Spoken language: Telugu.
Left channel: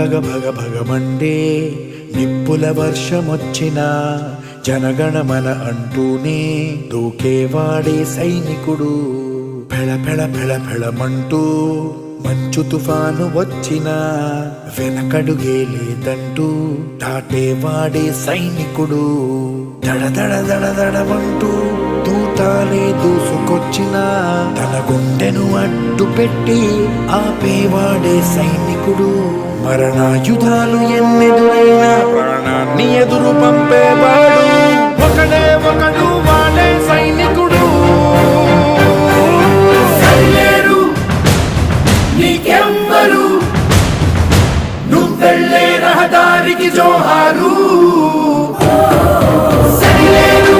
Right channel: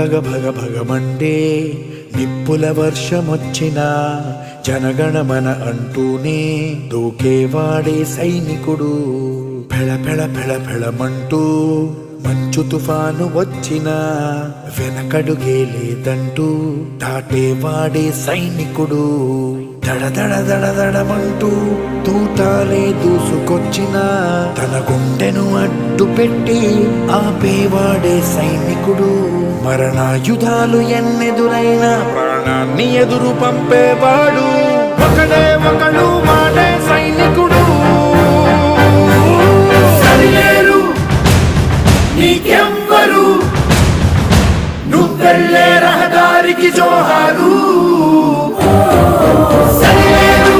భగ భగ భగమండే నిప్పుల వర్షమొచ్చినా జనగణమన అంటూనే దూకేవాడే సైనికుడు. ఫెళ ఫెళ ఫెళ ఫెళమంటూ మంచు తుఫాను వచ్చినా వెనకడుగే లేదంటూ దాటేవాడే సైనికుడు. దడ దడ దడ దడమంటూ తూటాలే దూసుకొచ్చినా తన గుండెను అడ్డు పెట్టి ఆపేవాడే సైనికుడు. మరణాయుధాలు ఎన్నెదురైనా ప్రాణాన్ని ఎదురు పంపేవాడు ఒకడే ఒకడు, వాడే సైనికుడు. సరిలేరు నీకెవ్వరు, నువ్వెళ్ళే రహదారికి జోహారు. సరిలేరు